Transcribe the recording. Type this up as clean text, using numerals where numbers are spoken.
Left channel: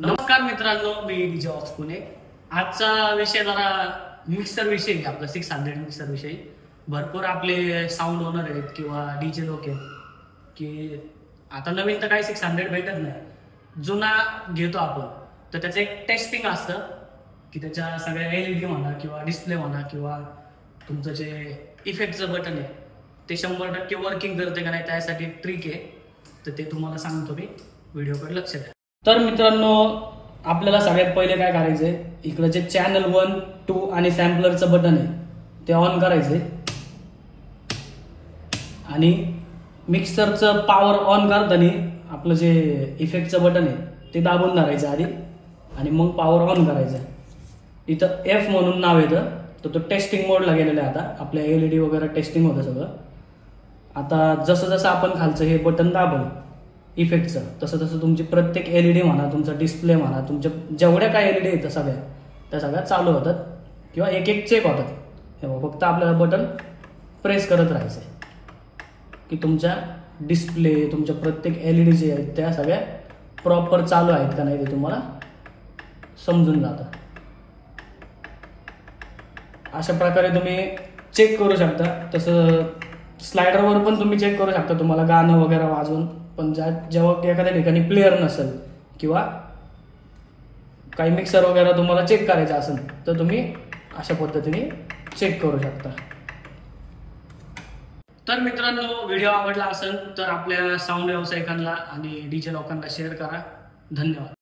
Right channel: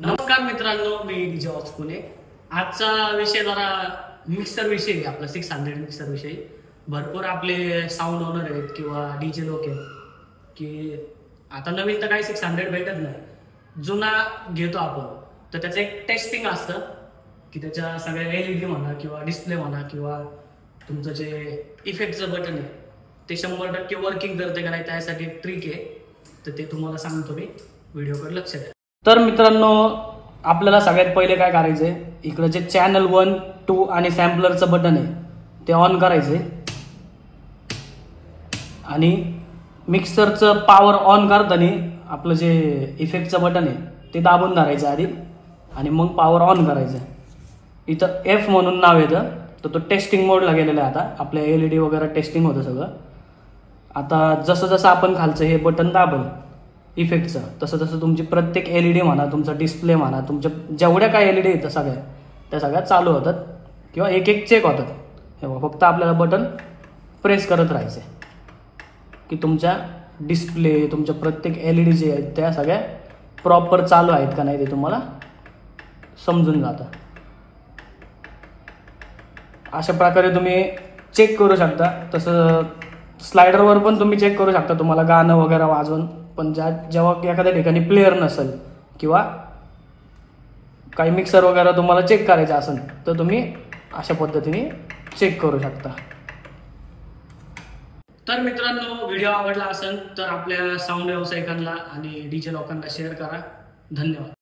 नमस्कार मित्रांनो, मी DJ ox Pune. आजचा विषय जरा मिक्सर विषयी, आपला 600 मिक्सर विषयी। भरपूर आपले साऊंड ओनर आहेत किंवा डीजे लोक आहेत की आता नवीन तर काही 600 भेटत नाही, जुना घेतो आपण तर त्याचं एक टेस्टिंग असतं की त्याच्या सगळ्या LED म्हणा किंवा डिस्प्ले म्हणा किंवा तुमचं जे इफेक्टचं बटन आहे ते 100% वर्किंग करते का नाही, त्यासाठी एक ट्रिक आहे, तर ते तुम्हाला सांगतो मी, व्हिडिओकडे लक्ष द्या। तर मित्रांनो, आपल्याला सगळ्यात पहिले काय करायचंय, इकडे जे चॅनल 1, 2 आणि सॅम्पलरचं बटन आहे ते ऑन करायचे आणि मिक्सरचं पॉवर ऑन करताना आपलं जे इफेक्टचं बटन आहे ते दाबून धरायचं आधी आणि मग पॉवर ऑन करायचं। इथं F म्हणून नाव येतं, तर तो टेस्टिंग मोडला गेलेला आहे। आता आपल्या LED वगैरे टेस्टिंग होतं सगळं। आता जसं जसं आपण खालचं हे बटन दाबलं इफेक्टचं, तसं तसं तुमची प्रत्येक LED म्हणा, तुमचा डिस्प्ले म्हणा, तुमच्या जेवढ्या काय LED येतं त्या सगळ्या चालू होतात किंवा एक एक चेक होतात। फक्त आपल्याला बटन प्रेस करत राहायचंय की तुमच्या डिस्प्ले, तुमच्या प्रत्येक LED जे आहेत त्या सगळ्या प्रॉपर चालू आहेत का नाही ते तुम्हाला समजून जातं। अशा प्रकारे तुम्ही चेक करू शकता। तसं स्लायडरवर पण तुम्ही चेक करू शकता, तुम्हाला गाणं वगैरे वाजवून। पण जेव्हा एखाद्या ठिकाणी प्लेअर नसेल किंवा काही मिक्सर वगैरे तुम्हाला चेक करायचं असेल तर तुम्ही अशा पद्धतीने चेक करू शकता। तर मित्रांनो, व्हिडिओ आवडला असेल तर आपल्या साऊंड व्यावसायिकांना आणि डीजे लोकांना शेअर करा। धन्यवाद।